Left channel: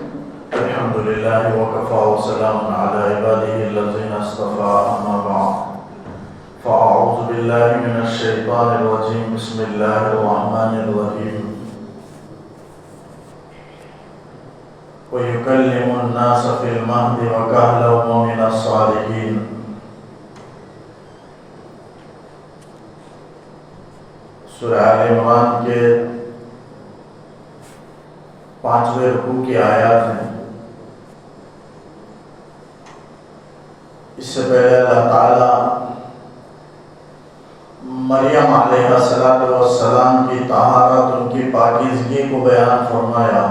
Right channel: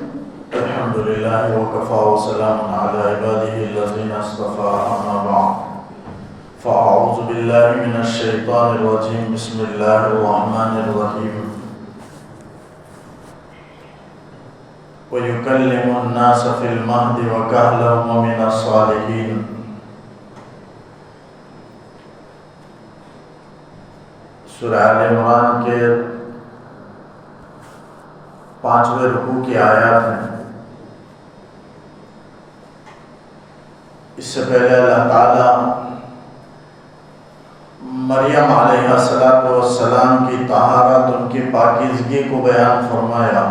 الحمد لله وكفى وسلام على عباده الذين اصطفى أما بعد فأعوذ بالله من الشيطان الرجيم بسم الله الرحمن الرحيم ويكلم الناس في المهد وكهلا ومن الصالحين. سورہ آل عمران کے 5ویں رکوع کی آیات ہیں. اس سے پہلے اللہ تعالیٰ مریم علیہ السلام کی طہارت، ان کی پاکیزگی کو بیان فرمایا.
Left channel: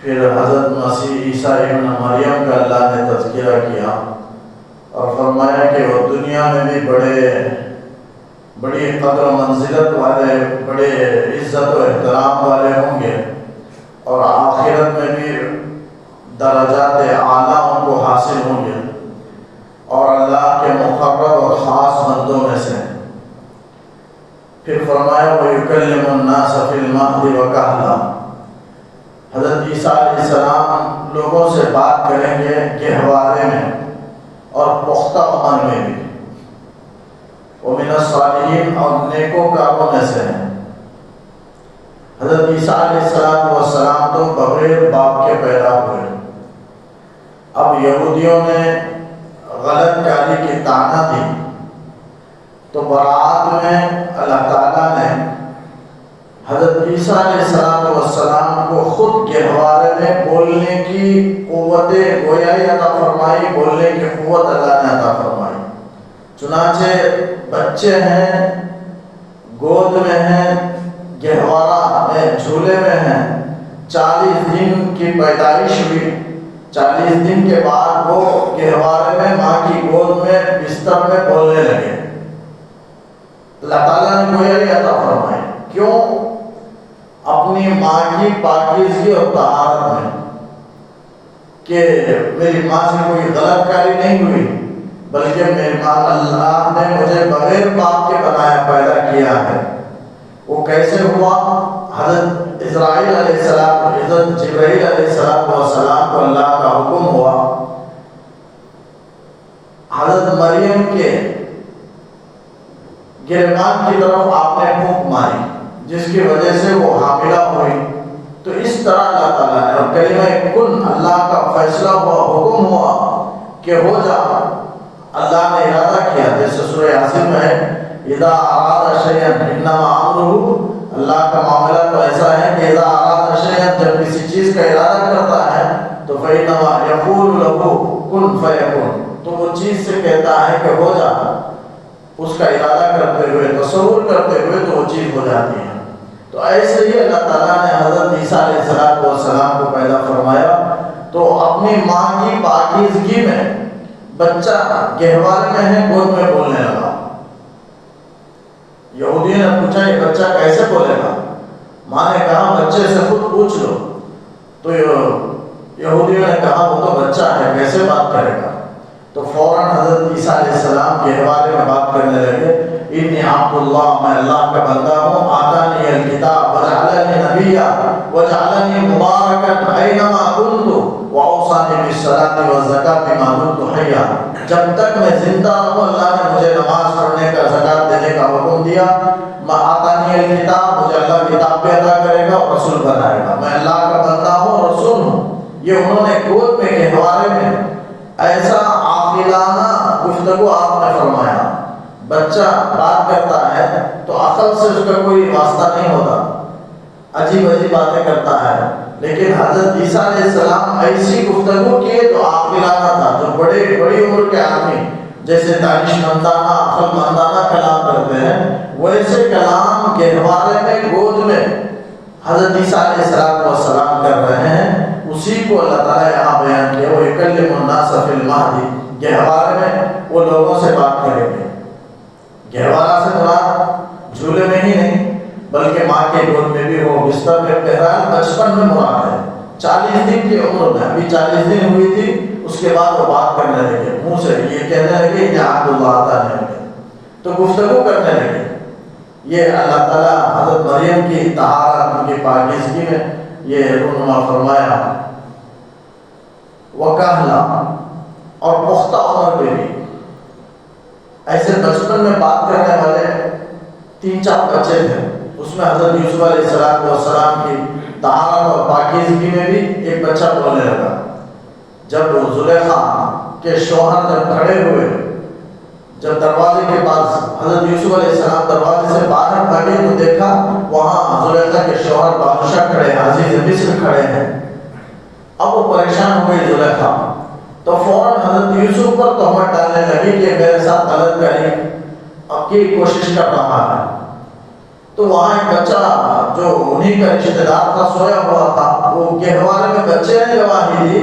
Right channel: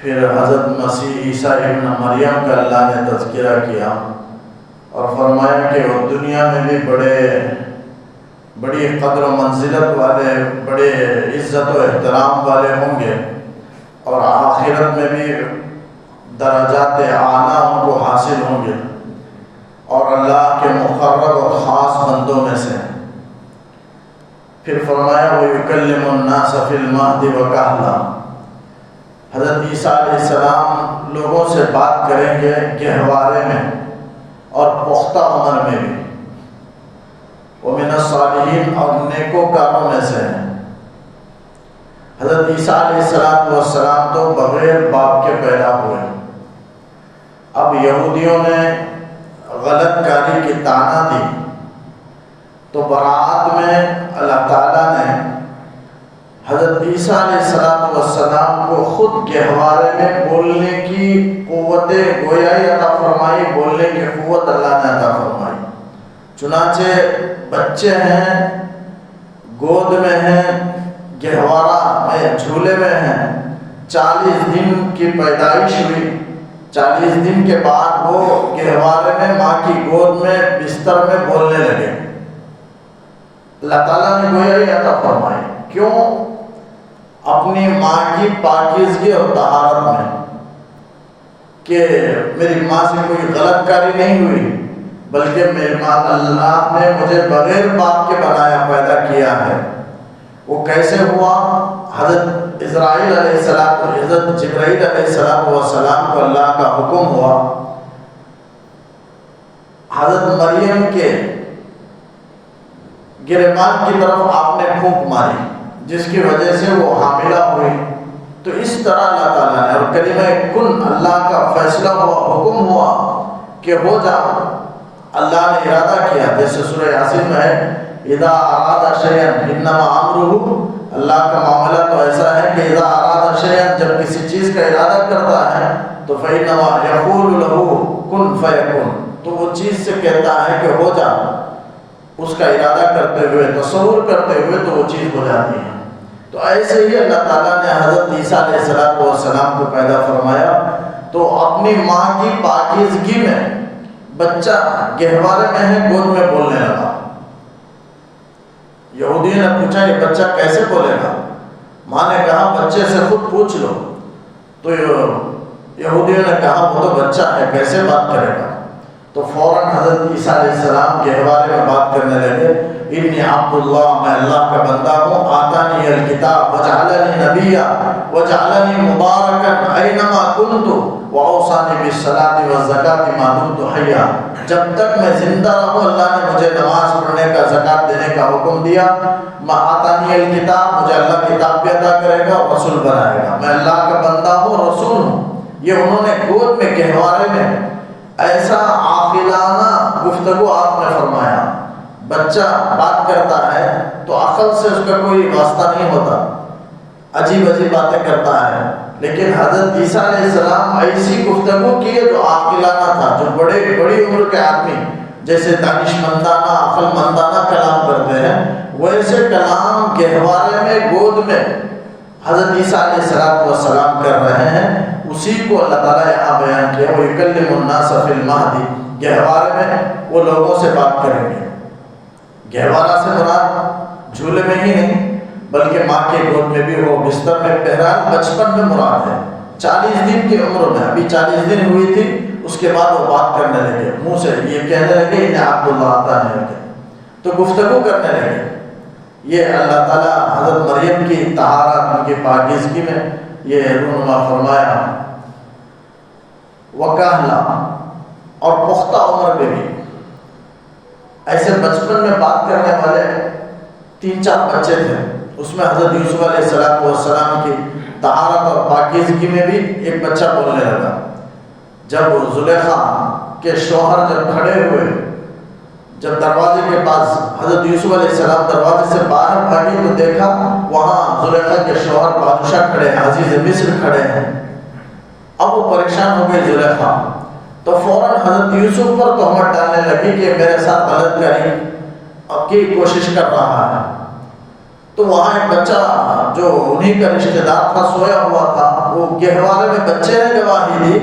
پھر حضرت مسیح عیسیٰ ابن مریم کا اللہ نے تذکرہ کیا اور فرمایا کہ وہ دنیا میں بھی بڑی قدر و منزلت والے، بڑے عزت و احترام والے ہوں گے، اور آخرت میں بھی درجات اعلیٰ ان کو حاصل ہوں گے، اور اللہ کے مقرب اور خاص بندوں میں سے. پھر فرمایا وَيُكَلِّمُ النَّاسَ فِي الْمَهْدِ وَكَهْلًا. حضرت عیسیٰ علیہ السلام لوگوں سے بات کریں گے گہوارے میں اور پختہ عمر میں بھی. وَمِنَ الصَّالِحِينَ، اور نیکوکاروں میں سے ہیں. حضرت عیسیٰ علیہ السلام تو بغیر باپ کے پیدا ہوئے. اب یہودیوں نے غلط کاری کی طعنہ دی تو برات میں اللہ تعالیٰ نے حضرت عیسیٰ علیہ السلام کو خود گہوارے میں بولنے کی قوت گویائی عطا فرمائی، بولنے کی قوت اللہ نے عطا فرمائی. چنانچہ بچے ہیں، گود میں ہیں، گہوارہ میں جھولے میں ہیں. 40 دن کی پیدائش ہوئی. 40 دن کے بعد وہ گہوارے میں ماں کی گود میں بستر میں بولنے لگے. اللہ تعالیٰ نے گویائی عطا فرمائی. کیوں؟ اپنی ماں کی پاکیزگی اور طہارت میں، کہ میری ماں سے کوئی غلط کاری نہیں ہوئی، بلکہ میری ماں اللہ نے مجھے بغیر باپ کے بنایا، پیدا کیا ہے. وہ کیسے ہوا؟ حضرت جبرائیل علیہ السلام کو اللہ کا حکم ہوا، حضرت مریم کے گریبان کی طرف آپ نے پھونک ماری، جس کی وجہ سے وہ حاملہ ہوئی. تو اس طرح اللہ تعالیٰ نے، اور کلمہ کن اللہ کا فیصلہ ہوا، حکم ہوا کہ ہو جا. اللہ نے ارادہ کیا، جیسے سورہ یاسین میں ہے اذا اراد شیئا انما امرہ. اللہ کا معاملہ تو ایسا ہے کہ اذا اراد شیئا، جب کسی چیز کا ارادہ کرتا ہے تو فانما یقول له کن فیکون، تو وہ چیز سے کہتا ہے کہ ہو جا. اس کا ارادہ کرتے ہوئے، تصور کرتے ہوئے تو وہ چیز ہو جاتی ہے. تو ایسے ہی اللہ تعالیٰ نے حضرت عیسیٰ علیہ السلام کو پیدا فرمایا. تو اپنی ماں کی پاکیزگی میں بچہ گہوارے میں ہے، گود میں بولنے لگا. یہودیوں نے پوچھا یہ بچہ کیسے بولے گا؟ ماں نے کہا بچے سے خود پوچھ لو. تو یہودیوں نے کہا وہ تو بچہ ہے، کیسے بات کرے گا؟ تو فوراً حضرت عیسیٰ علیہ السلام گہوارے میں بات کرنے لگے. انی عبد اللہ، میں اللہ کا بندہ ہوں. آتانی الکتاب وجعلنی نبیا وجعلنی مبارکا اینما کنت واوصانی بالصلاۃ والزکاۃ ما دمت حیا. جب تک میں زندہ ہوں اللہ نے مجھے نماز پڑھنے کا، زکات دینے کا حکم دیا. آتانی الکتاب، مجھے اللہ کتاب بھی عطا کرے گا اور رسول بنائے گا. میں اللہ کا بندہ ہوں، رسول ہوں. یہ انہوں نے گود میں گہوارے میں ایسا عاقلانہ گفتگو آپ نے فرمایا. بچہ بات کرتا ہے تو عقل سے اس کا کوئی واسطہ نہیں ہوتا، عجیب باتیں کرتا ہے. لیکن حضرت عیسیٰ علیہ السلام ایسی گفتگو کیے جو عاقلانہ تھا، جو بڑی عمر کے آدمی جیسے دانش مندانہ، عقل مندانہ کلام کرتے ہیں، ویسے کلام گہوارے میں، گود میں حضرت عیسیٰ علیہ السلام کر رہے ہیں. اسی کو اللہ تعالیٰ یہاں بیان کیا. وہ یکلم الناس فی المہد، گہوارے میں وہ لوگوں سے بات کریں گے. گہوارہ سے مراد جھولے میں ہی نہیں بلکہ ماں کے گود میں بھی ہو، بستر میں، بہرحال بچپن میں مراد ہے. 40 دن کی عمر میں، ابھی 40 دن ہوئی تھی، اس کے بعد وہ بات کرنے لگے. منہ سے یہ کہنے لگے انہیں عبد اللہ عطا نہیں، تو گفتگو کرنے لگے. یہ اللہ تعالیٰ حضرت مریم کی طہارت، ان کی پاکیزگی میں یہ رونما فرمایا وکہلا، اور پختہ عمر پہ بھی. ایسے بچپن میں بات کرنے والے 3-4 بچے تھے. اس میں حضرت یوسف علیہ السلام کی طہارت اور پاکیزگی میں بھی ایک بچہ بولنے لگا. جب زلیخا کے شوہر جب کھڑے ہوئے، جب دروازے کے پاس حضرت یوسف علیہ السلام دروازے سے باہر بھاگے تو دیکھا وہاں زلیخا کے شوہر بادشاہ کھڑے ہیں، عزیز مصر کھڑے ہیں. اب وہ پریشان ہو گئی زلیخا، تو فوراً حضرت یوسف پر تہمت ڈالنے لگی کہ میرے ساتھ غلط کاری کی کوشش کر رہا ہے. تو وہاں ایک بچہ جو انہی کا رشتہ دار تھا سویا ہوا تھا، وہ گہوارے میں بچے نے گواہی دی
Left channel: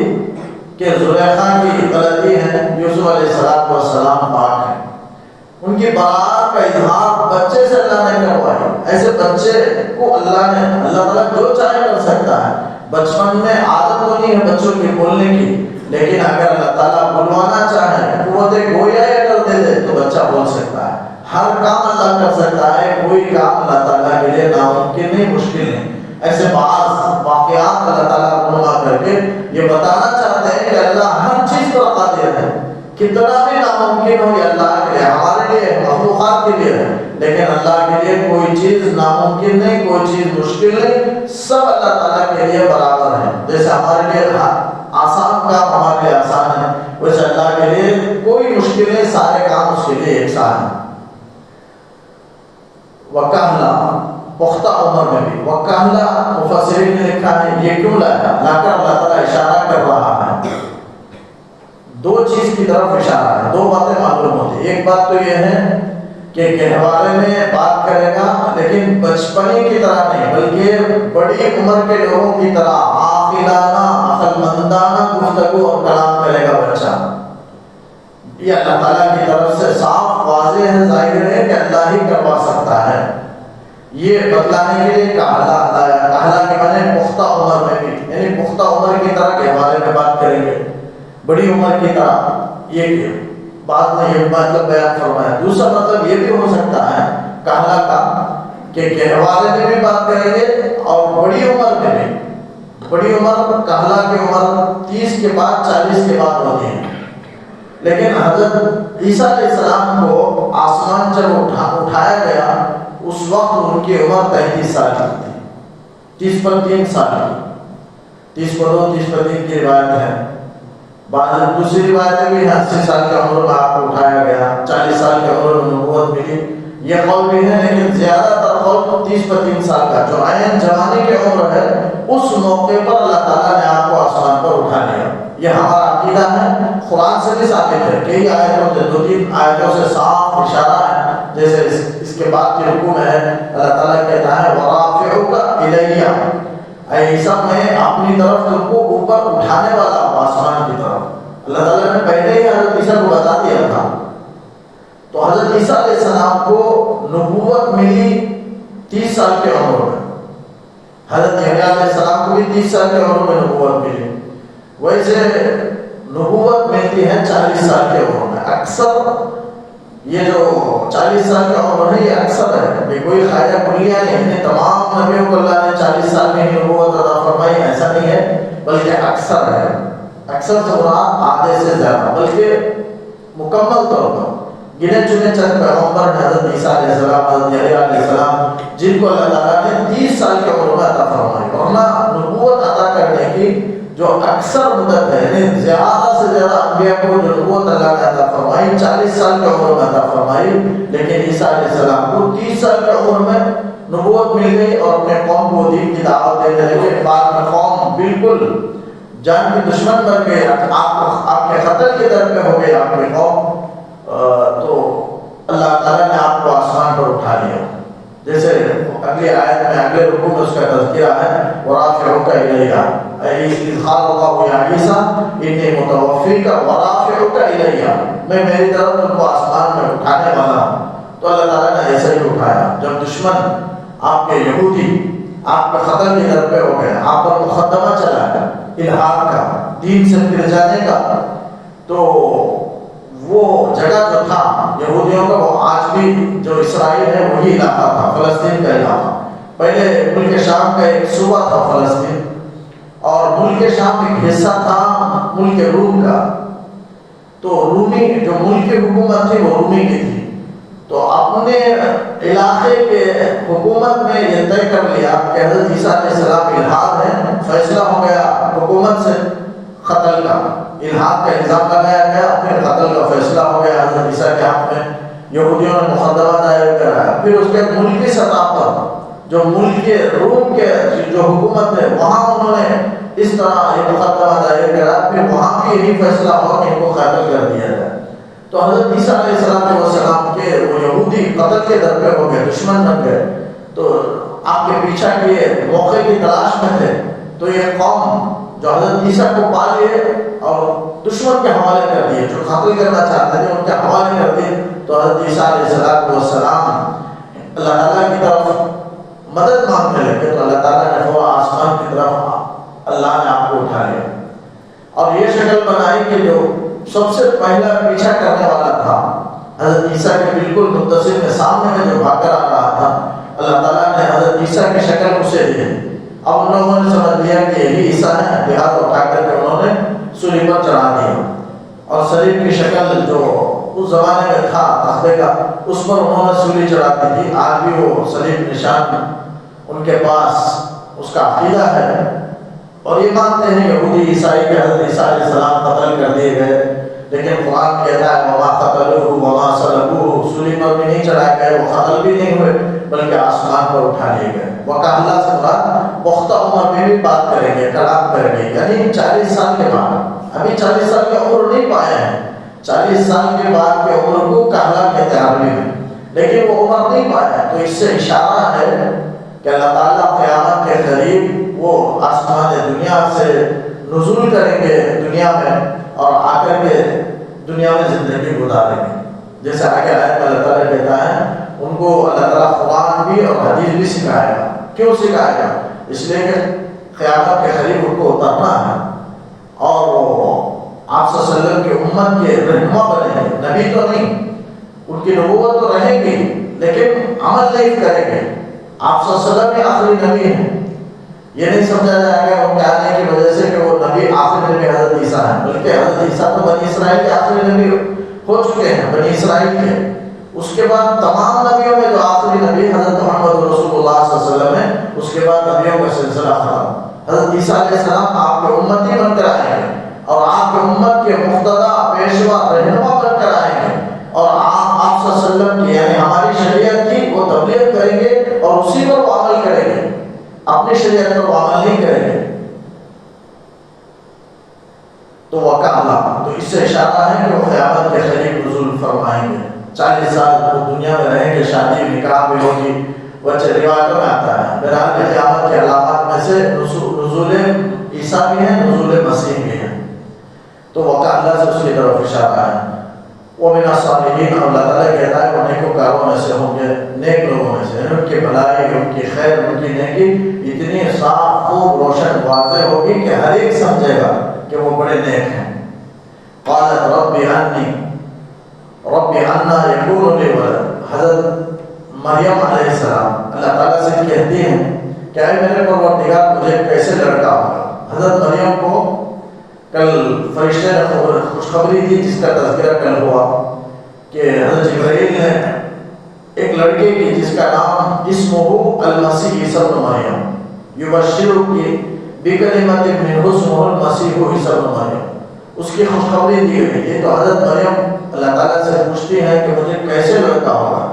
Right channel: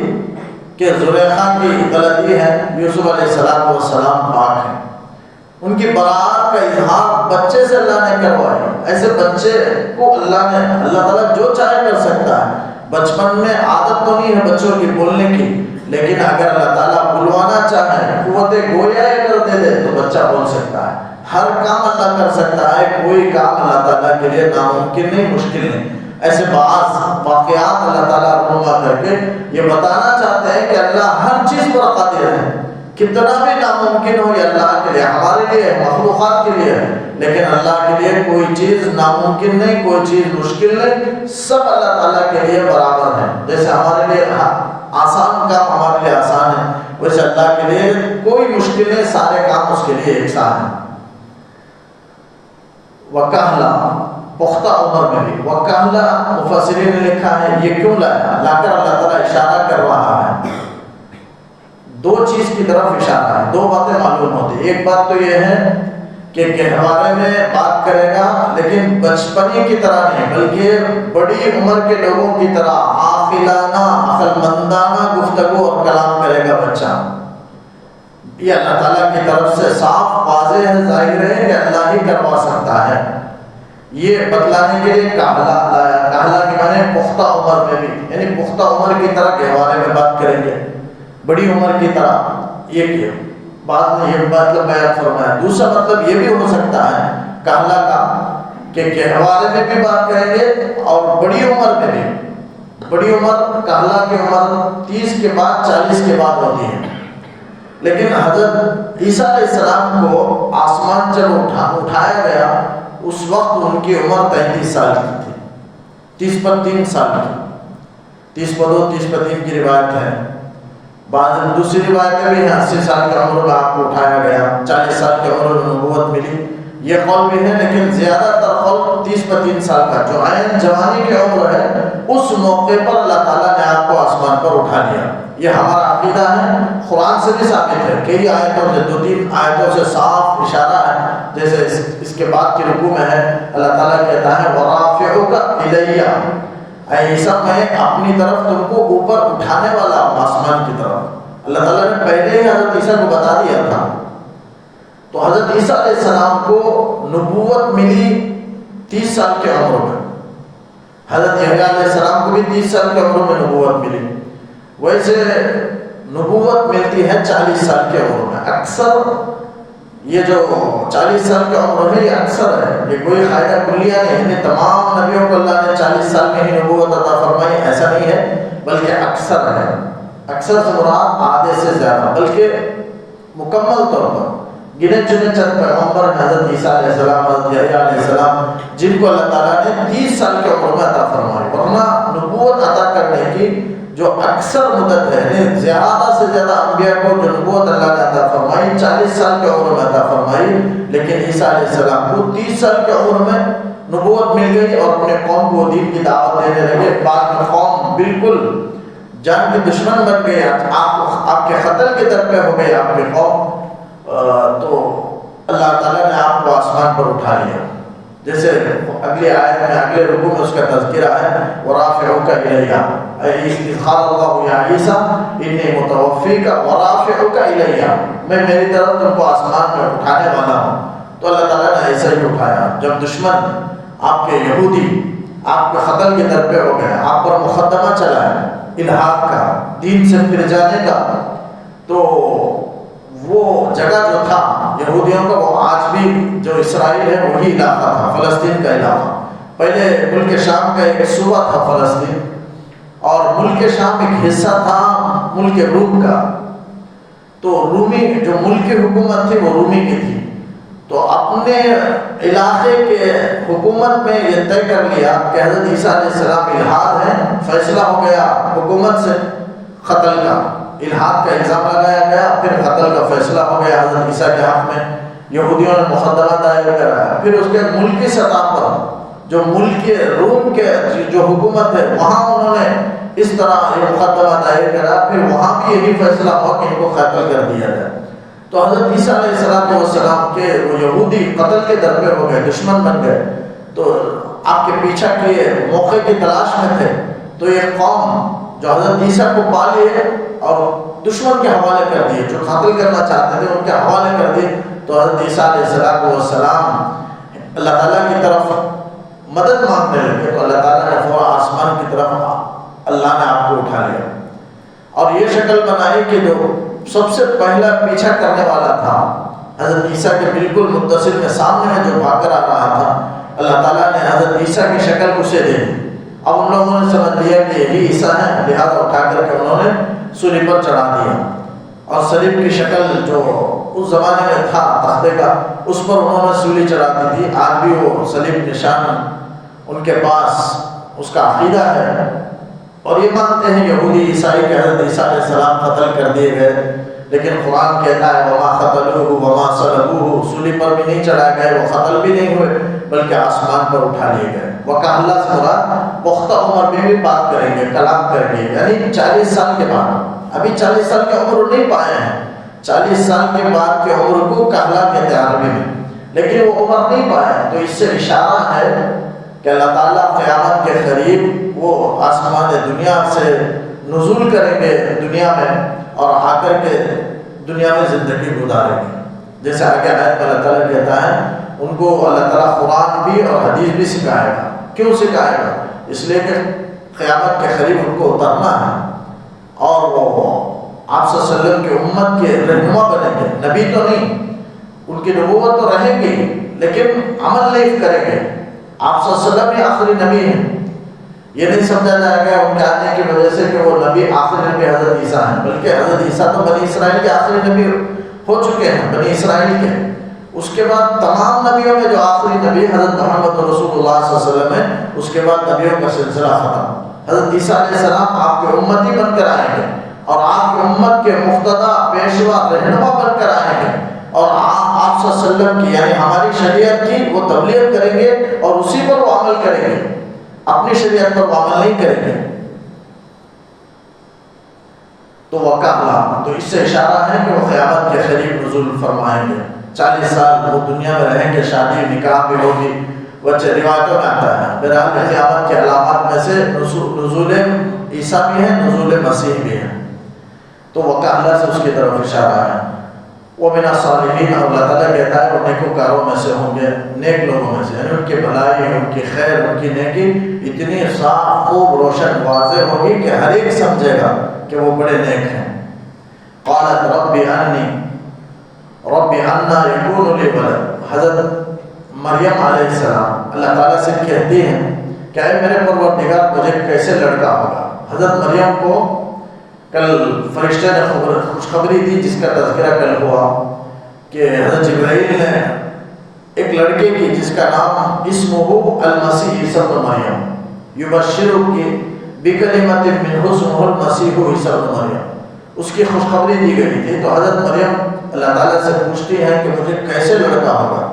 کہ زلیخا کی غلطی ہے، یوسف علیہ السلام پاک ہیں. ان کی برات کا اظہار بچے سے اللہ نے کروایا. ایسے بچے کو اللہ تعالیٰ جو چاہے کر سکتا ہے. بچپن میں عادت تو نہیں ہے بچوں کی بولنے کی، لیکن اگر اللہ تعالیٰ بلوانا چاہے، قوت گویا کر دے تو بچہ بول سکتا ہے. ہر کام اللہ کر سکتا ہے، کوئی کام اللہ تعالیٰ کے لیے ناممکن نہیں، مشکل نہیں. ایسے بعض واقعات اللہ تعالیٰ رونما کر کے یہ بتانا چاہتے ہیں کہ اللہ ہر چیز پر قادر ہے. کتنا بھی ناممکن ہو یہ اللہ کے لیے، ہمارے لیے، مخلوقات کے لیے ہے، لیکن اللہ کے لیے کوئی چیز ناممکن نہیں، کوئی چیز مشکل نہیں. سب اللہ تعالیٰ کے لیے برابر ہے. جیسے ہمارے لیے آسان کام ہمارے لیے آسان ہے، ویسے اللہ کے لیے کوئی مشکل نہیں، سارے کام اس کے لیے یکساں ہیں. وکہلا، پختہ عمر میں بھی. وکہلا مفسرین نے لکھا ہے یہ کیوں لایا، لا کر اللہ تعالیٰ اشارہ کر رہا ہے. 2 چیز کی طرف اشارہ ہے، 2 باتیں معلوم ہوتی. ایک بات تو یہ ہے کہ گہوارے میں بات کرے گا لیکن بچپنی کی طرح نہیں، بلکہ بڑی عمر کے لوگوں کی طرح عاقلانہ، عقل مندانہ گفتگو اور کلام کرے گا بچہ. یہ اللہ تعالیٰ کی طرف سے صاف واضح ہے، ظاہر ہے کہ اللہ ہی کروا سکتا ہے. یہ بتلانے کے لیے کہلا لایا. کہلا کے معنی پختہ عمر میں بھی، یعنی پختہ عمر کی طرح گہوارے میں بات کریں گے، بڑی عمر کی طرح. یہ بعد میں یہ مطلب بیان فرمایا. دوسرا مطلب یہ بھی ہو سکتا ہے کہلا کا کہ گہوارے میں بھی بات کریں گے اور بڑی عمر میں بھی. بڑی عمر کہلا کی عمر 30 کے بعد 40 کے بعد ہوتی ہے. لیکن حضرت عیسیٰ علیہ السلام کو آسمان جب اٹھایا گیا اس وقت ان کی عمر 33 سال کی تھی. 30 پر 3 سال کی، 30 پر 2 30 پر 3 کی روایت ہے. بعض دوسری روایت میں بھی 80 سال کی عمر میں آپ کو اٹھایا گیا، 40 سال کی عمر میں نبوت ملی. یہ قول بھی ہے، لیکن زیادہ تر قول 30 پر 3 سال کا جو عین جوانی کی عمر ہے اس موقع پر اللہ تعالیٰ نے آپ کو آسمان پر اٹھا لیا. یہ ہمارا عقیدہ ہے، قرآن سے بھی ثابت ہے. کئی آیتوں سے، 2-3 آیتوں سے صاف اشارہ ہے. جیسے اس کے بعد کی رکوع میں ہے اللہ تعالیٰ کہتا ہے وَرَافِعُكَ إِلَيَّ، اے عیسیٰ میں اپنی طرف تم کو اوپر اٹھانے والا ہوں، آسمان کی طرف. اللہ تعالیٰ نے پہلے ہی حضرت عیسیٰ کو بتا دیا تھا. تو حضرت عیسیٰ علیہ السلام کو نبوت ملی 30 سال کی عمر میں. حضرت یحییٰ علیہ السلام کو بھی 30 سال کی عمر میں نبوت ملی. ویسے نبوت ملتی ہے 40 سال کی عمر میں. اکثر یہ جو 40 سال کی عمر ہے یہ اکثر ہے، یہ کوئی قاعدہ کلیہ نہیں ہے. تمام نبیوں کو اللہ نے 40 سال میں ہی نبوت عطا فرمائی، ایسا نہیں ہے، بلکہ اکثر ہے. اکثر سے مراد آدھے سے زیادہ، بلکہ مکمل طور پر گنے چنے چند پیغمبر حضرت عیسیٰ علیہ السلام، حضرت یحییٰ علیہ السلام، جن کو اللہ تعالیٰ نے 30 سال کی عمر میں عطا فرمائی. ورنہ نبوت عطا کرنے کی جو اکثر مدت ہے، یعنی زیادہ سے زیادہ انبیاء کو جو نبوت اللہ نے عطا فرمائی 40 سال کی عمر میں عطا فرمائی. لیکن عیسیٰ علیہ السلام کو 30 سال کی عمر میں نبوت مل گئی اور اپنے قوم کو دین کی دعوت دینے لگے. بعد میں قوم بالکل جان کے دشمن بن گئے، آپ کے قتل کے در پہ ہو گئے آپ کے قوم. تو اللہ تعالیٰ نے آپ کو آسمان پر اٹھا لیا. جیسے اگلی آیت میں اگلے رکوع میں اس کا تذکرہ ہے وَرَافِعُكَ إِلَيَّ إِذْ قَالَ اللَّهُ يَا عِيسَىٰ إِنِّي مُتَوَفِّيكَ وَرَافِعُكَ إِلَيَّ، میں میری طرف تم کو آسمان میں اٹھانے والا ہوں. تو اللہ تعالیٰ نے ایسا ہی اٹھایا. جب دشمن آپ کے یہودی آپ کے قتل کے در پہ ہو گئے، آپ پر مقدمہ چلا ہے الحاد کا، دین سے پھر جانے کا، تو وہ جگہ جو تھا یہودیوں کا، وہ آج بھی جو اسرائیل ہے وہی علاقہ تھا، فلسطین کا علاقہ. پہلے ملک شام کا ایک صوبہ تھا فلسطین، ملک شام ایک حصہ تھا ملک روم کا، تو رومی جو ملک کی حکومت تھی وہ رومی کی تھی، تو اپنے علاقے کے حکومت میں یہ طے کر لیا کہ حضرت عیسیٰ علیہ السلام الحاد ہیں، فیصلہ ہو گیا حکومت سے قتل کا، الحاد کا الزام لگایا گیا، پھر قتل کا فیصلہ ہو گیا حضرت عیسیٰ کے حق میں، یہودیوں نے مقدمہ دائر کرایا۔ پھر اس کے ملکی سطح پر جو ملک روم کے جو حکومت ہے وہاں انہوں نے اس طرح یہ مقدمہ دائر کرا، پھر وہاں بھی یہی فیصلہ ہوا کہ ان کو قتل کر دیا جائے۔ تو حضرت عیسیٰ علیہ السلام کے وہ یہودی قتل کے در پہ ہو گئے، دشمن بن گئے، تو آپ کے پیچھے کے موقع کی تلاش میں تھے، تو یہ قوم جو حضرت عیسیٰ کو پا لیے اور دشمن کے حوالے کر دیے، جو قتل کرنا چاہتے تھے ان کے حوالے کر دیے، تو حضرت عیسیٰ علیہ السلام اللہ تعالیٰ کی طرف مدد مانگنے لگے، تو اللہ تعالیٰ نے فوراً آسمان کی طرف اللہ نے آپ کو اٹھا لیا اور یہ شکل بنائی کہ جو سب سے پہلا پیچھا کرنے والا تھا حضرت عیسیٰ کے بالکل متصل کے سامنے میں جو بھاگ کر آ رہا تھا، اللہ تعالیٰ نے حضرت عیسیٰ کی شکل اسے دے دی۔ اب ان لوگوں نے سمجھ لیا کہ یہی عیسیٰ ہے، لہٰذا اٹھا کر کے انہوں نے سولی پر چڑھا دیا، اور صلیب کی شکل جو اس زمانے میں تھا تختے کا، اس پر انہوں نے سولی چڑھا دی تھی۔ آج بھی وہ صلیب نشان ان کے پاس اس کا عقیدہ ہے، اور یہ مانتے ہیں یہودی عیسائی کہ حضرت عیسیٰ علیہ السلام قتل کر دیے گئے، لیکن قرآن کہتا ہے وما قتلوہ وما صلبوہ، سولی پر بھی نہیں چڑھائے گئے، وہ قتل بھی نہیں ہوئے بلکہ آسمان پر اٹھا لیے گئے۔ وقع اللہ سے مراد پختہ عمر میں بھی بات کریں گے، کلام کریں گے، یعنی 40 سال کے بعد، ابھی 40 سال کی عمر نہیں پائے ہیں، 40 سال کے بعد کی عمر کو کہلا کہتے ہیں عربی میں، لیکن وہ عمر نہیں پائے، تو اس سے اشارہ ہے کہ اللہ تعالیٰ قیامت کے قریب وہ آسمان دنیا سے نزول کریں گے دنیا میں، اور آ کر کے دنیا میں زندگی گزاریں گے، جیسے آگے آیت میں اللہ تعالیٰ کہتا ہے ان کو اللہ تعالیٰ قرآن بھی اور حدیث بھی سکھائے گا۔ کیوں سکھائے گا؟ اس لیے کہ قیامت کے قریب ان کو اترنا ہے، اور وہ آپ صلی اللہ علیہ وسلم کی امت کے رہنما بنیں گے، نبی تو نہیں، ان کی نبوت تو رہے گی لیکن عمل نہیں کریں گے۔ آپ صلی اللہ علیہ وسلم ہی آخری نبی ہیں، یہ نہیں سمجھا جائے گا ان کے آنے کی وجہ سے کہ وہ نبی آخری نبی حضرت عیسیٰ ہیں، بلکہ حضرت عیسیٰ تو بنی اسرائیل کے آخری نبی ہو چکے ہیں، بنی اسرائیل کے۔ اس کے بعد تمام نبیوں میں جو آخری نبی حضرت محمد رسول اللہ صلی اللہ علیہ وسلم ہے، اس کے بعد نبیوں کا سلسلہ ختم۔ حضرت عیسیٰ علیہ السلام آپ کے امتی بن کر آئیں گے، اور آپ کی امت کے مقتدا پیشوا رہنما بن کر آئیں گے، اور آپ صلی اللہ علیہ وسلم کی یعنی ہماری شریعت کی وہ تبلیغ کریں گے اور اسی پر وہ عمل کریں گے، اپنی شریعت پر وہ عمل نہیں کریں گے۔ تو وقع اللہ، تو اس سے اشارہ ہے کہ وہ قیامت کے قریب نزول فرمائیں گے، 40 سال وہ دنیا میں رہیں گے، شادی نکاح بھی ہوگی، بچے روایتوں میں آتا ہے۔ بہرحال قیامت کے علامات میں سے نزول عیسیٰ بھی ہیں، نزول مسیح بھی ہیں، تو وقع اللہ سے اس کی طرف اشارہ ہے۔ وہ من الصالحین، اللہ تعالیٰ کہتا ہے وہ نیکوکاروں میں سے ہوں گے، نیک لوگوں میں سے، ان کی بھلائی، ان کی خیر، ان کی نیکی اتنی صاف خوب روشن واضح ہوگی کہ ہر ایک سمجھے گا کہ وہ بڑے نیک ہیں۔ قالت رب انا یکون لی ولد، حضرت مریم علیہ السلام اللہ تعالیٰ سے کہتی ہیں کہ اے میرے پروردگار مجھے کیسے لڑکا ہوگا۔ حضرت مریم کو کل فرشتے نے خوشخبری دی جس کا تذکرہ کل ہوا کہ حضرت جبرائیل نے ایک لڑکے کی جس کا نام اسمہ المسیح عیسی ابن مریم، یبشرک بکلمۃ منہ اسمہ المسیح عیسی ابن مریم، اس کی خوشخبری دی گئی تھی۔ تو حضرت مریم اللہ تعالیٰ سے پوچھتی ہیں کہ مجھے کیسے لڑکا ہوگا،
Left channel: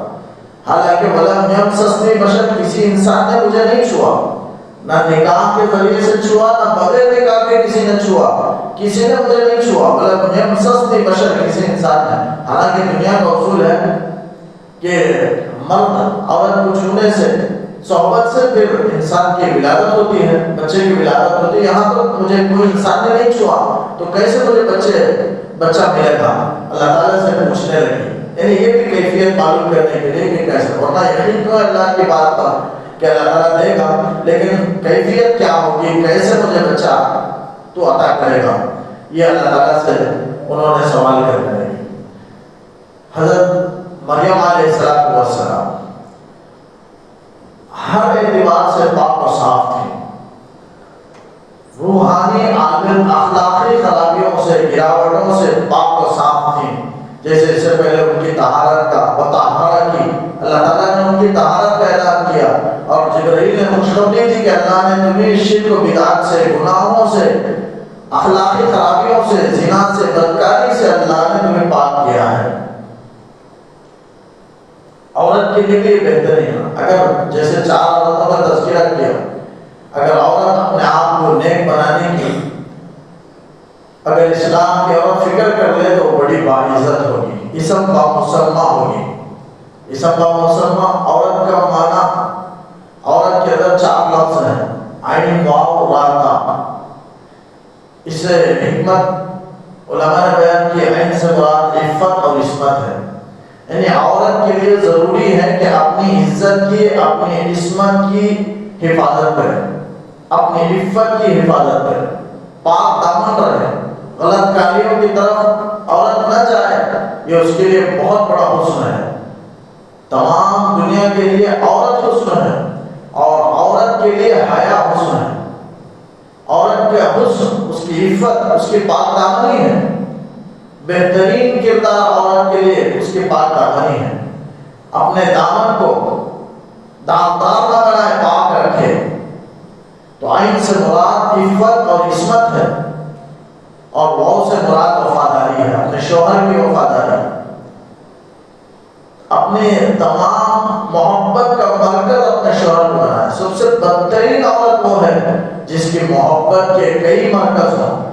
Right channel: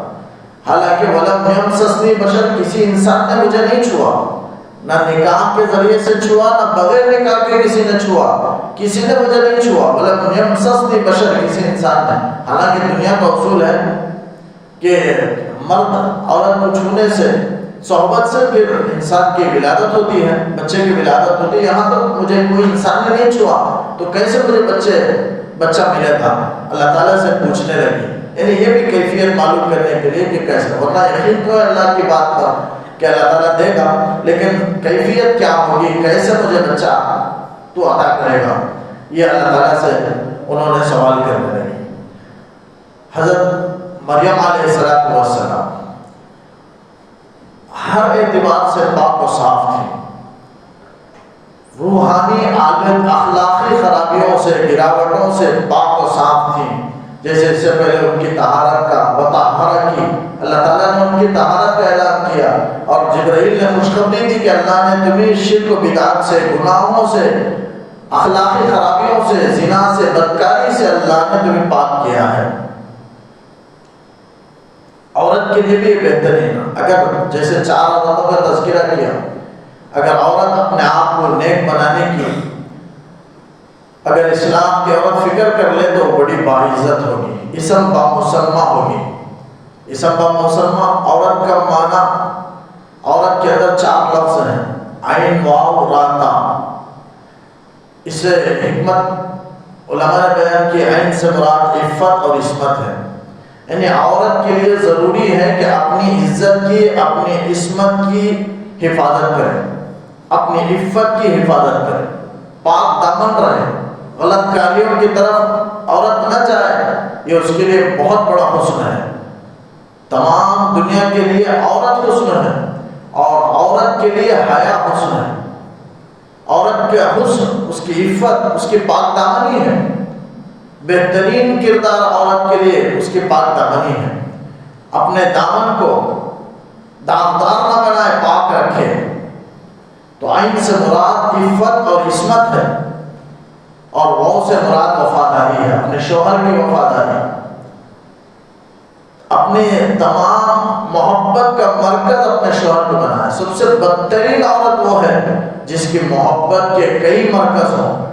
حالانکہ ولم یمسسنی بشر، کسی انسان نے مجھے نہیں چھوا، نہ نکاح کے ذریعے سے چھوا، نہ بغیر نکاح کے کسی نے چھوا، کسی نے مجھے نہیں چھوا، ولم یمسسنی بشر، کسی انسان نے۔ حالانکہ دنیا کا اصول ہے کہ مرد عورت کو چھونے سے، صحبت سے پھر انسان کی ولادت ہوتی ہے، بچے کی ولادت ہوتی ہے، یہاں تو مجھے کوئی انسان نے نہیں چھوا تو کیسے مجھے بچہ ملے گا؟ اللہ تعالیٰ سے پوچھنے لگی، یعنی یہ بھی کیفیت معلوم کرنے کے لیے کہ کیسے، ورنہ یقین تو ہے اللہ کی بات پر کہ اللہ تعالیٰ دے گا، لیکن کیفیت کیا ہوگی، کیسے مجھے بچہ تو عطا کرے گا، یہ اللہ تعالیٰ سے انہوں نے سوال کرنے لگی۔ حضرت مریم علیہ السلام ہر اعتبار سے پاک و صاف تھی، روحانی عالم اخلاقی خرابیوں سے، گراوٹوں سے پاک و صاف تھیں. جیسے اس سے پہلے ان کی طہارت کا بطہارہ کی، اللہ تعالیٰ نے ان کی طہارت کا اعلان کیا، اور جبرائیل نے خوشخبری دی کہ اللہ نے تمہیں شرک و بدعت سے، گناہوں سے، اخلاقی خرابیوں سے، زنا سے، بدکاری سے اللہ نے تمہیں پاک کیا ہے. عورت کے لیے بھی بہترین، اگر جیسے 4 عورتوں کا تذکرہ کیا، اگر عورت اپنے آپ کو نیک بنانے کی اگر اسلام کی عورت فکر کر لے تو بڑی باعزت ہوگی، اسم با مسلمہ ہوگی. اسم با مسلمہ عورت کا معنی، عورت کے اندر 4 لفظ ہیں، عین واو را تا. اس سے حکمت علماء نے بیان کی، عین سے مراد عفت اور عصمت ہے. یعنی عورت کے لیے ضروری ہے کہ اپنی عزت کی، اپنی عصمت کی حفاظت کرے، اپنی عفت کی حفاظت کرے، پاک دامن رہے، غلط کاریوں کی طرف عورت نہ جائے. یہ اس کے لیے بہت بڑا حسن ہے. تمام دنیا کے لیے عورت حسن ہے، اور عورت کے لیے حیا حسن ہے. عورت کا حسن اس کی عفت، اس کی پاک دامنی ہے. بہترین کردار عورت کے لیے اس کی پاک دامنی ہے. اپنے دامن کو دامدار نہ بنائے، پاک رکھے. تو عین سے مراد عفت اور عصمت ہے، اور واو سے مراد وفاداری ہے، اپنے شوہر کی وفاداری. اپنے تمام محبت کا مرکز اپنے شوہر کو بنائے. سب سے بدترین عورت وہ ہے جس کی محبت کے کئی مرکز ہوں،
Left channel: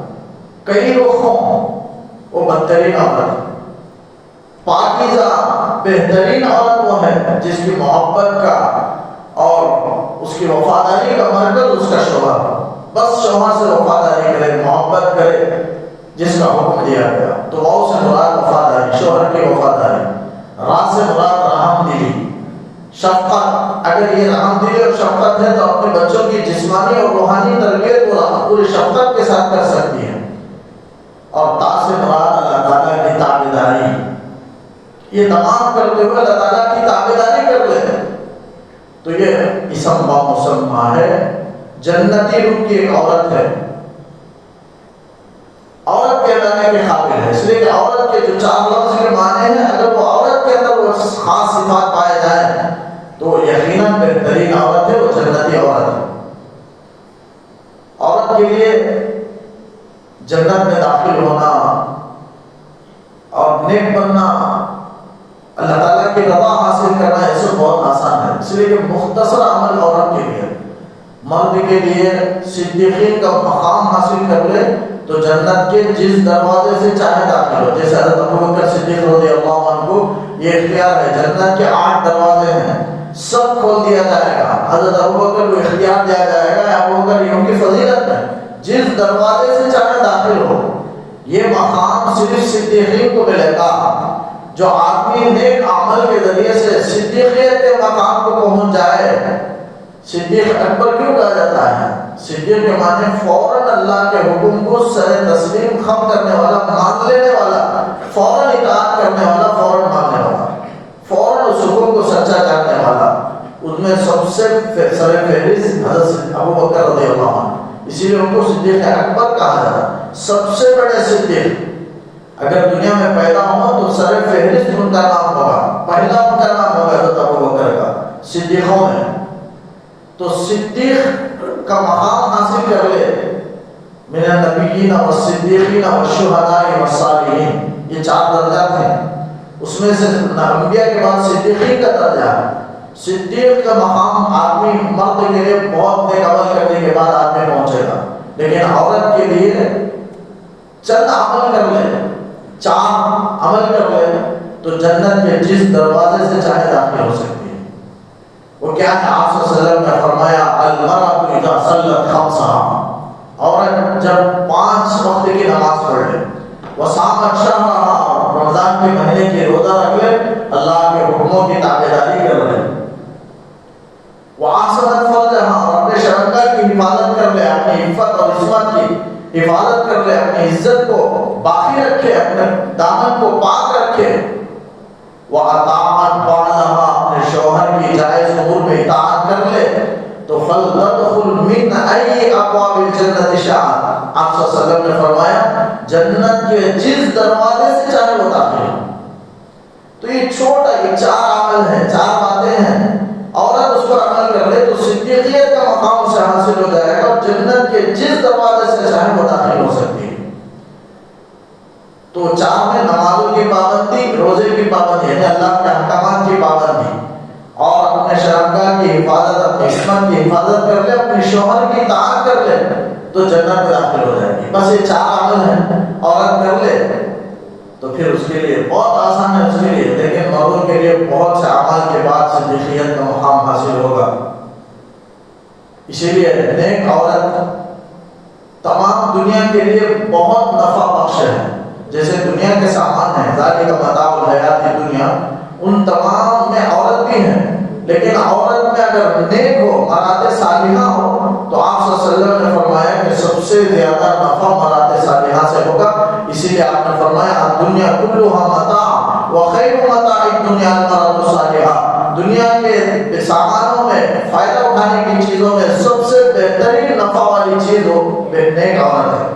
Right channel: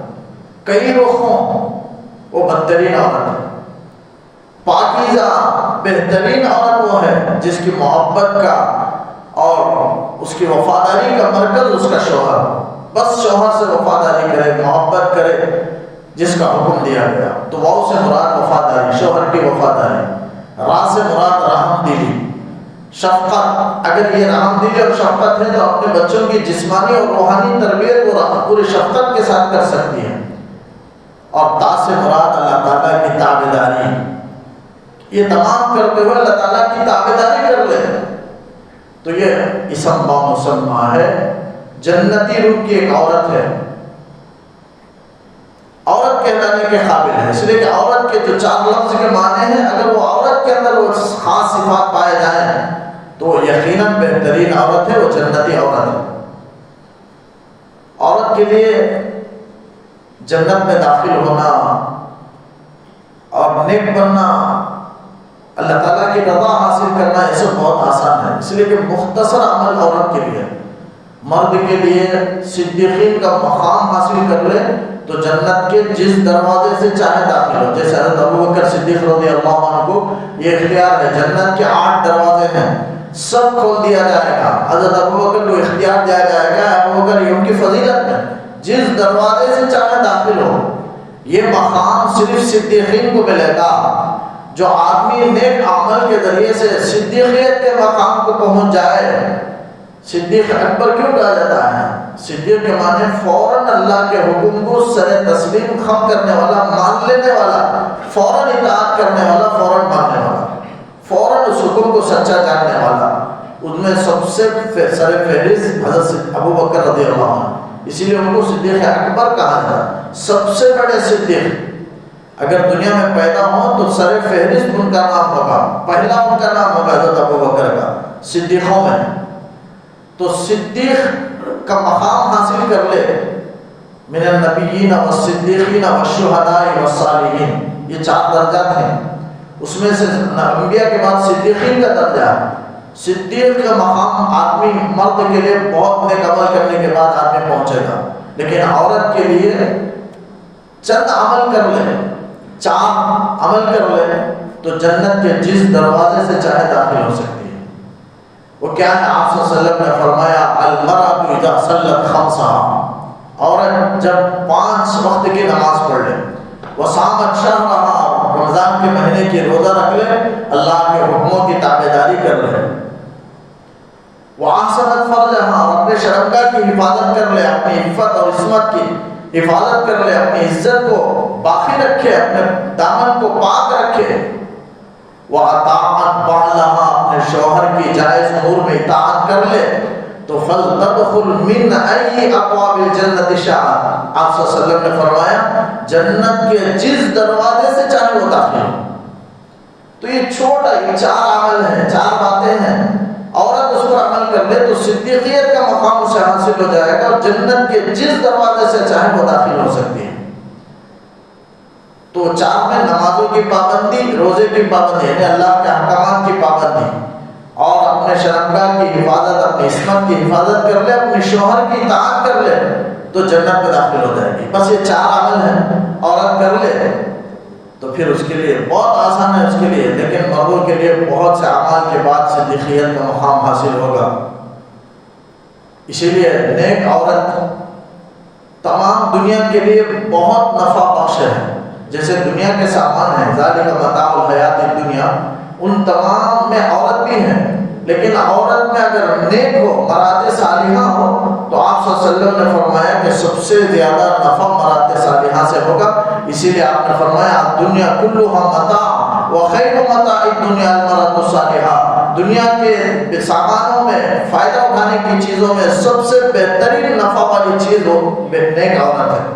کئی رخ ہوں، وہ بدترین عورت ہے. پاکیزہ بہترین عورت وہ ہے جس کی محبت کا اور اس کی وفاداری کا مرکز اس کا شوہر ہو. بس شوہر سے وفاداری کرے، محبت کرے جس کا حکم دیا گیا. تو واو سے مراد وفاداری، شوہر کی وفاداری. را سے مراد رحم دلی، شفقت. اگر یہ رحم دلی اور شفقت ہے تو اپنے بچوں کی جسمانی اور روحانی تربیت کو پوری شفقت کے ساتھ کر سکتی ہے. اور تا سے مراد اللہ تعالیٰ کی تابعداری. یہ تمام کرتے ہوئے اللہ تعالیٰ کی تابعداری کر لے تو یہ اسم با مسمہ ہے. جنتی روح کی ایک عورت ہے، عورت کہلانے کے قابل ہے. اس لیے کہ عورت کے جو 4 لفظ کے معنی ہیں، اگر وہ عورت کے اندر وہ خاص صفات پائے جائیں تو وہ یقیناً بہترین عورت ہے، وہ جنتی عورت ہے. عورت کے لیے جنت میں داخل ہونا اور نیک بننا، اللہ تعالیٰ کی رضا حاصل کرنا، یہ سب بہت آسان ہے. اس لیے کہ مختصر عمل عورت کے لیے. مرد کے لیے صدیقین کا مقام حاصل کر لے تو جنت کے جس دروازے سے چاہے داخل ہو. جیسے حضرت ابوبکر صدیق رضی اللہ عنہ کو یہ اختیار ہے، جنت کے 8 دروازے ہیں، سب کھول دیا جائے گا. حضرت ابوبکر کو اختیار دیا جائے گا. ابوبکر یہ ان کی فضیلت ہے، جس دروازے سے چاہے داخل ہو. یہ مقام صرف صدیقین کو ملے گا. جو آدمی نیک عمل کے ذریعے سے صدیقیت کے مقام کو پہنچ جائے. صدیق اکبر کیوں کہا جاتا ہے؟ صدیق کے معنی فوراً اللہ کے حکم کو سر تسلیم خم کرنے والا، مان لینے والا، فوراً اطاعت کرنے والا، فوراً ماننے والا، فوراً اس حکم کو سچا جاننے والا. ان میں سب سے سر فہرست حضرت ابوبکر رضی اللہ عنہ. اسی لیے ان کو صدیق اکبر کہا جاتا ہے. سب سے بڑے صدیق اگر دنیا میں پیدا ہو تو سر فہرست ان کا نام ہوگا، پہلا ان کا نام ہوگا حضرت ابوبکر کا صدیقوں میں. تو صدیق کا مقام حاصل کر لے. من النبیین والصدیقین والشہداء والصالحین، یہ 4 درجات ہیں. اس میں سے انبیاء کے بعد صدیقین کا درجہ ہے. صدیق کا مقام آدمی مرد کے لیے بہت نیک عمل کرنے کے بعد آدمی پہنچے گا. لیکن عورت کے لیے چند عمل کر لے، 4 عمل کر لے تو جنت کے جس دروازے سے چاہے داخل ہو سکتی ہے. وہ کیا ہے؟ آپ صلی اللہ علیہ وسلم نے فرمایا المرأة اذا صلت خمسها، عورت جب 5 وقت کی نماز پڑھ لے، وصامت شهرها، رمضان کے مہینے کی روزہ رکھ لے، اللہ کے حکموں کی تابعداری کر لے، وَأَحْسَنَتْ فَرْجَهَا، اپنے شرمگاہ کی حفاظت کر لے، اپنی عفت اور عصمت کی حفاظت کر لے، اپنی عزت کو باقی رکھے، اپنے دامن کو پاک رکھے، وَأَطَاعَتْ بَعْلَهَا، اپنے شوہر کی جائز امور میں اطاعت کر لے، تو فَلْتَدْخُلْ مِنْ أَيِّ أَبْوَابِ الْجَنَّةِ شَاءَ، آپ صلی اللہ علیہ وسلم نے فرمایا جنت کے جس دروازے سے چاہے وہ داخل ہو۔ تو یہ چھوٹا، یہ 4 عمل ہیں، 4 باتیں ہیں، عورت اس پر عمل کر لے تو صدیقیت کا مقام اسے حاصل ہو جائے گا اور جنت کے جس دروازے سے چاہے وہ داخل ہو سکتی ہے۔ تو 4 میں نمازوں کی پابندی، روزے کی پابندی یعنی اللہ کے احکامات کی پابندی، اور اپنے شرمگاہ کی حفاظت، اپنی عصمت کی حفاظت کر لے، اپنے شوہر کی اطاعت کر لے تو جنت میں داخل ہو جائے گی۔ بس یہ 4 عمل ہیں، عورت کر لے تو پھر اس کے لیے بہت آسان ہے اس کے لیے، لیکن مردوں کے لیے بہت سے اعمال کے بعد صدیقیت کا مقام حاصل ہوگا۔ اسی لیے نیک عورت تمام دنیا کے لیے بہت نفع بخش ہے۔ جیسے دنیا کے سامان ہیں، ذالک متاع الحیات الدنیا، ان تمام میں عورت بھی ہیں، لیکن عورت میں اگر نیک ہو، مراد صالحہ ہو، تو آپ صلی اللہ علیہ وسلم نے فرمایا کہ سب سے زیادہ نفع مراد صالحہ سے ہوگا۔ اسی لیے آپ نے فرمایا دنیا کلھا متاع وخیر متاع الدنیا المرأۃ الصالحہ، دنیا کے سامانوں میں، فائدہ اٹھانے کی چیزوں میں سب سے بہترین نفع والی چیز وہ نیک عورت ہے۔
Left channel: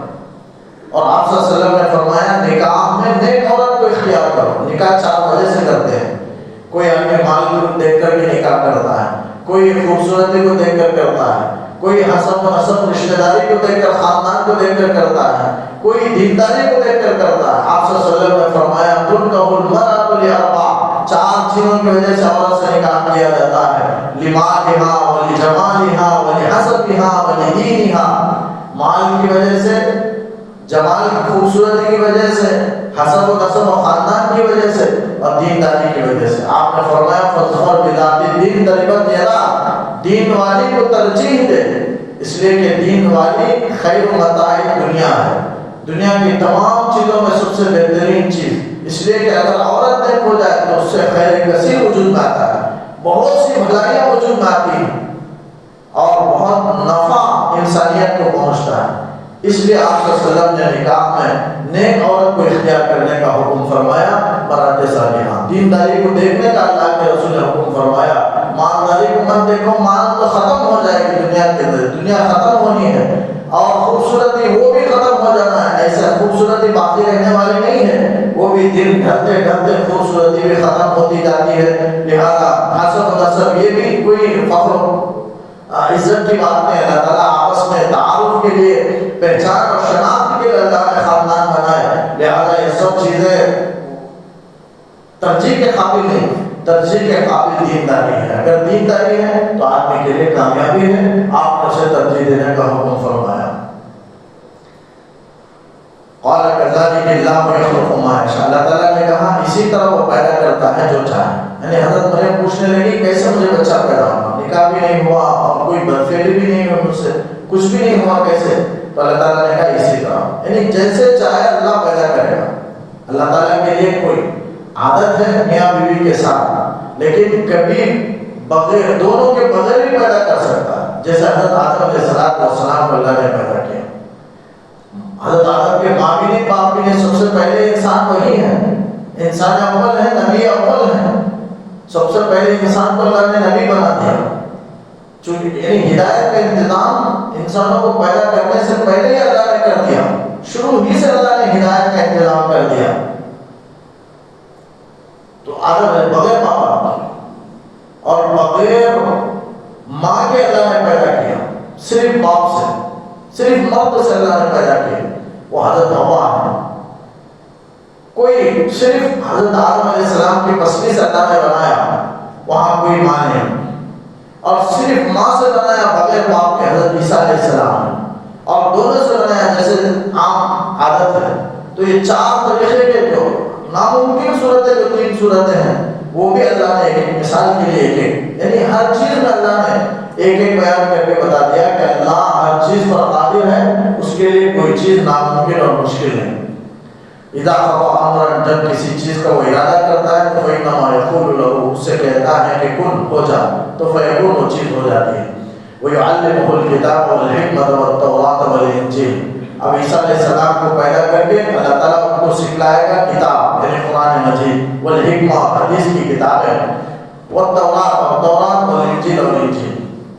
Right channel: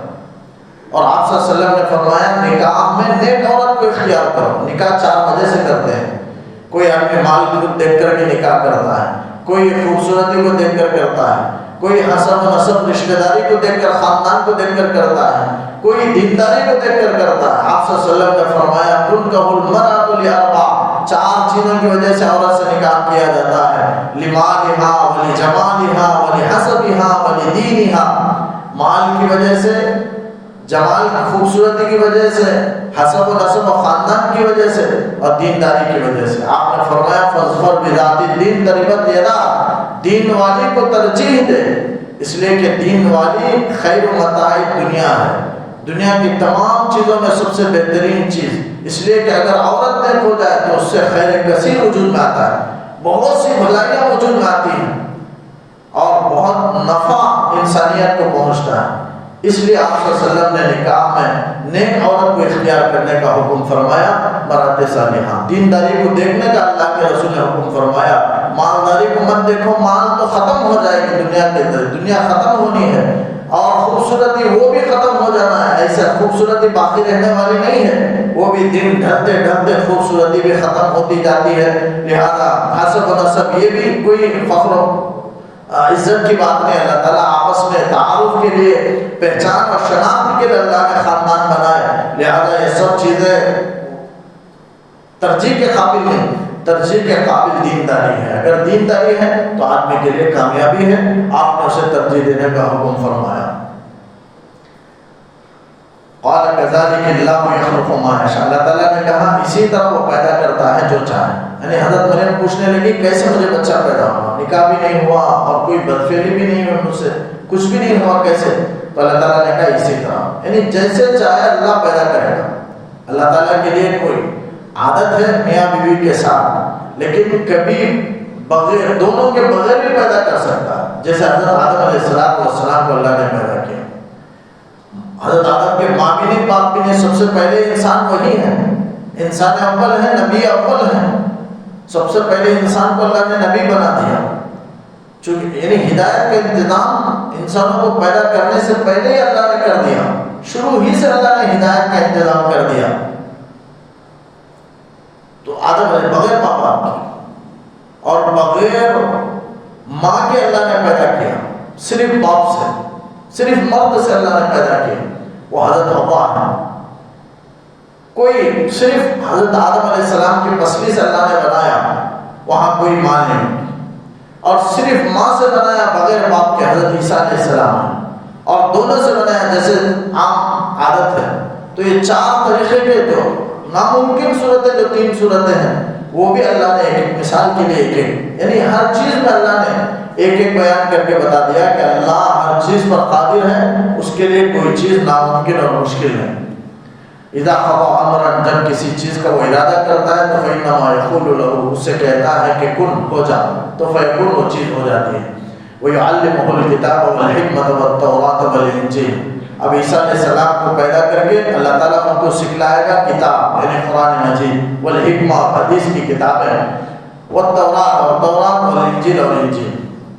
اور آپ صلی اللہ علیہ وسلم نے فرمایا نکاح میں نیک عورت کو اختیار کرو۔ نکاح 4 وجہ سے کرتے ہیں، کوئی اپنے مال کو دیکھ کر کے نکاح کرتا ہے، کوئی خوبصورتی کو دیکھ کر کرتا ہے، کوئی حسب و نسب رشتہ داری کو دیکھ کر، خاندان کو دیکھ کر کرتا ہے، کوئی دینداری کو دیکھ کر کرتا ہے۔ آپ صلی اللہ علیہ وسلم نے فرمایا تنکح المرأۃ لأربع، 4 چیزوں کی وجہ سے عورت سے نکاح کیا جاتا ہے، لمالہا ولجمالہا ولحسبہا ولدینہا، مال کی وجہ سے، جمال کی خوبصورتی کی وجہ سے، حسب و نسب و خاندان کی وجہ سے، اور دینداری کی وجہ سے۔ آپ نے فرمایا فاظفر بذات الدین تربت یداک، دین والی کو ترجیح دے، اس لیے کہ دین والی خیر متاع دنیا ہے، دنیا کی تمام چیزوں میں سب سے بہترین چیز، اس لیے کہ اگر عورت نیک ہو جائے تو اس سے خیر کثیر وجود میں آتا ہے، بہت سی بھلائیاں وجود میں آتی ہیں اور بہت نفع انسانیت کو پہنچتا ہے۔ اس لیے آپ صلی اللہ علیہ وسلم نے نکاح میں نیک عورت کو اختیار کرنے کا حکم فرمایا، مرد صالحہ۔ دینداری کو دیکھنے کا اللہ کے رسول نے حکم فرمایا، مالداری کو مت دیکھو، مال تو ختم ہو جائے گی دنیا کے اندر، دنیا ختم ہونی ہے، اور خوبصورتی وہ بھی ختم ہو جانا ہے، ایسا خوبصورتی باقی رہنے والی نہیں ہے، وہ بھی دن ڈھلتے ڈھلتے خوبصورتی بھی ختم ہوتی جاتی ہے۔ لہذا حسب و نسب یہ بھی کوئی فخر و عزت کی بات نہیں، اللہ تعالیٰ آپس میں تعارف کے لیے، پہچان اور شناخت کے لیے اللہ نے خاندان بنائے، لہذا یہ سب چیزیں ترجیح کے قابل نہیں، ترجیح کے قابل دینداری ہے۔ اگر دینداری ہے تو آدمی کے لیے کامیابی ہے، آپ نے اسے ترجیح دینے کا حکم فرمایا۔ قال كذلك الله يخلق ما يشاء، اللہ تعالیٰ نے کہا اسی طرح وہ پیدا کرتا ہے جو چاہے۔ یعنی حضرت مریم پوچھنے لگی کیسے مجھے بچہ پیدا ہوا، نکاح بھی نہیں ہوا اور کوئی بدفعلی بھی نہیں ہوئی مجھ سے، کچھ بھی نہیں ہوا، کیسے؟ تو اللہ تعالیٰ نے کہا اسی طرح، یعنی جیسے چاہے اللہ پیدا کرے گا۔ اللہ تعالیٰ کے لیے کوئی عادت ہے میاں بیوی کے ساتھ، لیکن کبھی بغیر، دونوں کے بغیر بھی پیدا کر سکتا ہے، جیسے حضرت آدم علیہ السلام کو اللہ نے پیدا کیا۔ حضرت آدم کے ماں بھی نہیں باپ بھی نہیں، سب سے پہلے انسان وہی ہے، انسان اول ہے، نبی اول ہے، سب سے پہلے انسان کو اللہ نے نبی بنا دیا، چونکہ یعنی ہدایت کا انتظام انسانوں کو پیدا کرنے سے پہلے ہی اللہ نے کر دیا، شروع ہی سے اللہ نے ہدایت کا انتظام کر دیا۔ تو آدم علیہ بغیر ماں باپ کے اور بغیر ماں کے اللہ نے پیدا کیا، صرف باپ سے، صرف مرد سے اللہ نے پیدا کیا، وہ حضرت حوا ہے۔ کوئی صرف حضرت آدم علیہ السلام کی پسلی سے اللہ نے بنایا، وہاں کوئی ماں نہیں، اور صرف ماں سے بنایا بغیر باپ کے حضرت عیسیٰ علیہ السلام، اور دونوں سے بنایا جیسے عام عادت ہے۔ تو یہ 4 طریقے کے جو ناممکن صورتیں، جو 3 صورتیں ہیں، وہ بھی اللہ نے ایک مثال کے لیے ایک، یعنی ہر چیز میں اللہ نے ایک بیان کر کے بتا دیا کہ اللہ ہر چیز پر قادر ہے، اس کے لیے کوئی چیز ناممکن اور مشکل ہے۔ اذا قضى امرا، جب کسی چیز کا وہ ارادہ کرتا ہے تو فإنما يقول له، اس سے کہتا ہے کہ کن، ہو جا، تو فیکون، وہ چیز ہو جاتی ہے۔ ويعلمه الكتاب والحکمت والتوراۃ والانجیل، اب عیسیٰ علیہ السلام کو پیدا کر کے اللہ تعالیٰ ان کو سکھلائے گا کتاب، یعنی قرآن مجید، والحکمہ، حدیث کی کتاب ہے، والتوراۃ، اور تورات، والانجیل، اور انجیل۔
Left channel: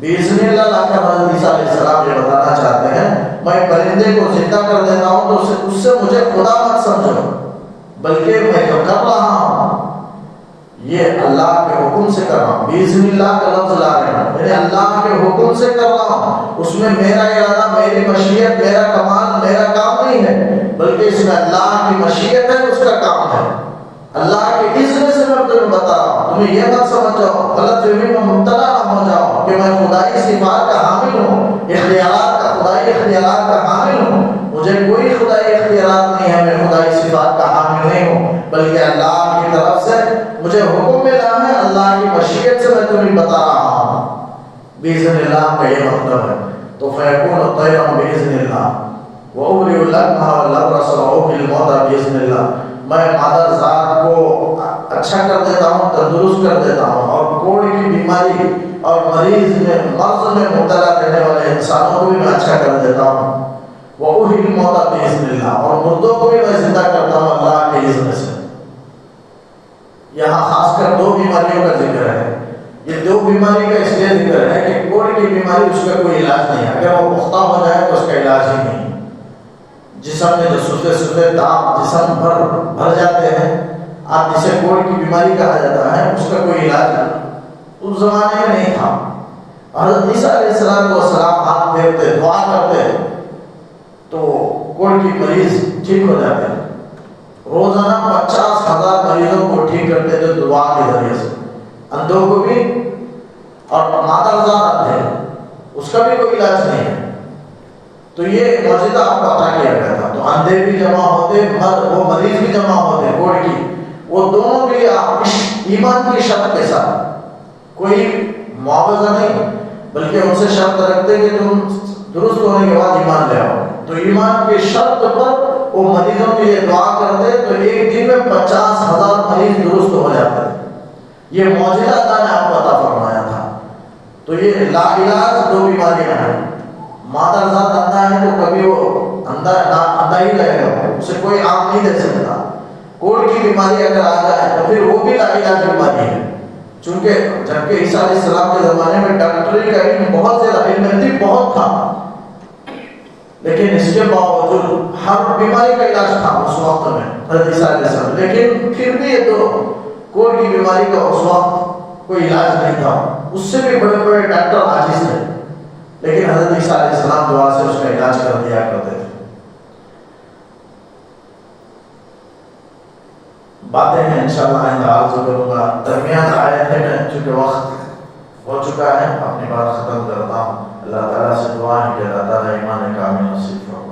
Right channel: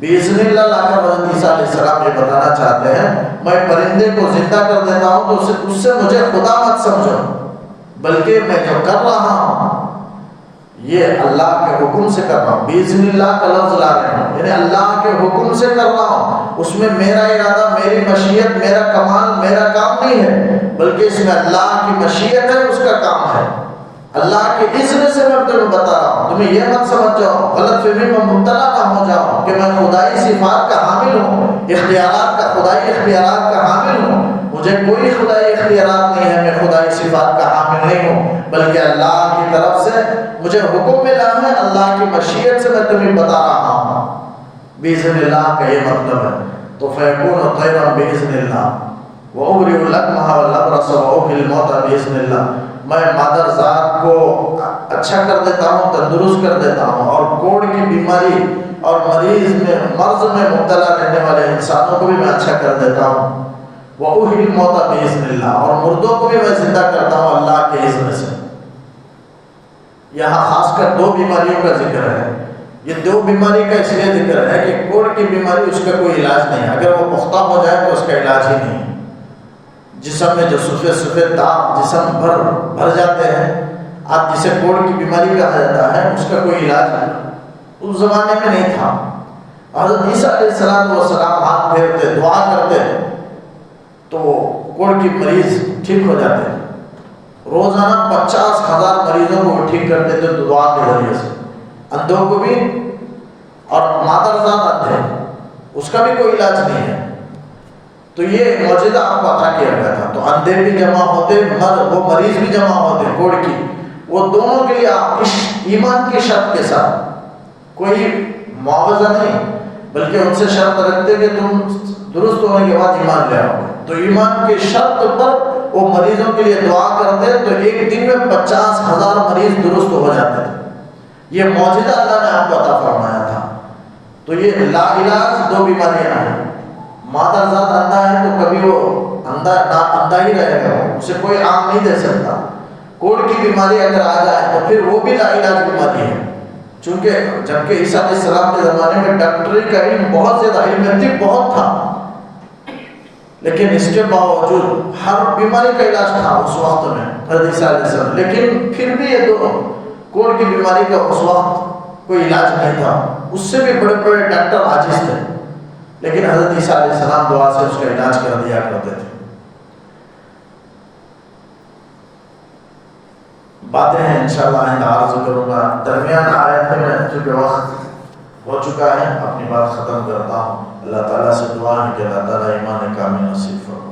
باذن اللہ لا کر حضرت عیسیٰ علیہ السلام یہ بتانا چاہتے ہیں میں پرندے کو زندہ کر دیتا ہوں تو اس سے مجھے خدا مت سمجھو، بلکہ میں جو کر رہا ہوں یہ اللہ کے حکم سے کر رہا ہوں۔ باذن اللہ کا لفظ لا رہے ہیں، یعنی اللہ کے حکم سے کر رہا ہوں، اس میں میرا ارادہ، میری مشیت، میرا کمال، میرا کام نہیں ہے، بلکہ اس میں اللہ کی مشیت ہے، اس کا کام ہے۔ اللہ کے اذن سے میں تمہیں بتا رہا ہوں، تمہیں یہ مت سمجھ جاؤ، غلط فہمی میں مبتلا نہ ہو جاؤ کہ میں خدائی صفات کا حامل ہوں، اختیارات کا، خدائی اختیارات کا حامل ہوں۔ مجھے کوئی خدائی اختیارات نہیں ہے، میں خدائی صفات کا حامل نہیں ہوں، بلکہ اللہ کی طرف سے مجھے حکم ملا ہے، اللہ کی مشیت سے میں تمہیں بتا رہا ہوں۔ باذن اللہ کا یہ مطلب ہے۔ تو فیکون طیرا باذن اللہ وَأُبْرِئُ الْأَكْمَحَ وَالْأَبْرَصَ وَأُحْيِي الْمَوْتَىٰ بِإِذْنِ اللَّهِ، میں مادر ذات کو اچھا کر دیتا ہوں، تندرست کر دیتا ہوں، اور کوڑ کی بیماری اور مرض میں مبتلا رہنے والے انسانوں کو بھی میں اچھا کر دیتا ہوں۔ وَأُحْيِي الْمَوْتَىٰ بِإِذْنِ اللَّهِ، اور مردوں کو بھی میں زندہ کرتا ہوں اللہ کے اذن سے۔ یہاں خاص کر دو بیماریوں کا ذکر ہے۔ یہ دو بیماری کا اس لیے ذکر ہے کہ کوڑ کی بیماری اس کا کوئی علاج نہیں ہے، اگر وہ پختہ ہو جائے تو اس کا علاج ہی نہیں۔ جسم میں جو سفید داغ جسم بھر جاتے ہیں، آپ جسے کوڑ کی بیماری کہا جاتا ہے، اس کا کوئی علاج اس زمانے میں نہیں تھا۔ حضرت عیسیٰ علیہ السلام ہاتھ پھیرتے، دعا کرتے تو کوڑ کی مریض ٹھیک ہو جاتے۔ روزانہ 50,000 مریضوں کو ٹھیک کرتے تھے دعا کے ذریعے سے، اندھوں کو بھی، اور مادرزاد اندھے، اس کا بھی کوئی علاج نہیں ہے۔ تو یہ معجزہ آپ کو عطا کیا گیا تھا۔ تو اندھے بھی جمع ہوتے، وہ مریض بھی جمع ہوتے کوڑ کی، وہ دونوں کے لیے آپ ایمان کی شرط کے ساتھ، کوئی معاوضہ نہیں، بلکہ ان سے شرط رکھتے کہ تم درست ہونے کے بعد ایمان لے آؤ۔ تو ایمان کی شرط پر وہ مریضوں کے لیے دعا کرتے تو ایک دن میں 50,000 مریض درست ہو جاتے۔ یہ معجزہ اللہ نے آپ کو عطا فرمایا تھا۔ تو یہ لا علاج دو بیماریاں ہیں۔ مادرزاد اندھا ہے تو کبھی وہ اندھا ہی رہے گا، اسے کوئی آنکھ نہیں دے سکتا۔ کوڑ کی بیماری اگر آ جائے تو پھر وہ بھی لا علاج بیماری ہے، چونکہ جبکہ عیسیٰ علیہ السلام کے زمانے میں ڈاکٹری کا علم بہت زیادہ، علم طب بہت تھا، لیکن اس کے باوجود ہر بیماری کا علاج تھا اس وقت میں حضرت عیسیٰ علیہ السلام، لیکن پھر بھی یہ دو کوڑ کی بیماری کا اس وقت کوئی علاج نہیں تھا، اس سے بھی بڑے بڑے ڈاکٹر عاجز تھے، لیکن حضرت عیسیٰ علیہ السلام دعا سے اس کا علاج کر دیا کرتے تھے۔ باتیں ہیں انشاءاللہ آئندہ عرض کروں گا۔ درمیان آیت میں چونکہ وقت ہو چکا ہے، اپنی بات ختم کرتا ہوں۔ اللہ تعالیٰ سے دعا ہے کہ اللہ تعالیٰ ایمان کامل نصیب فرمائے۔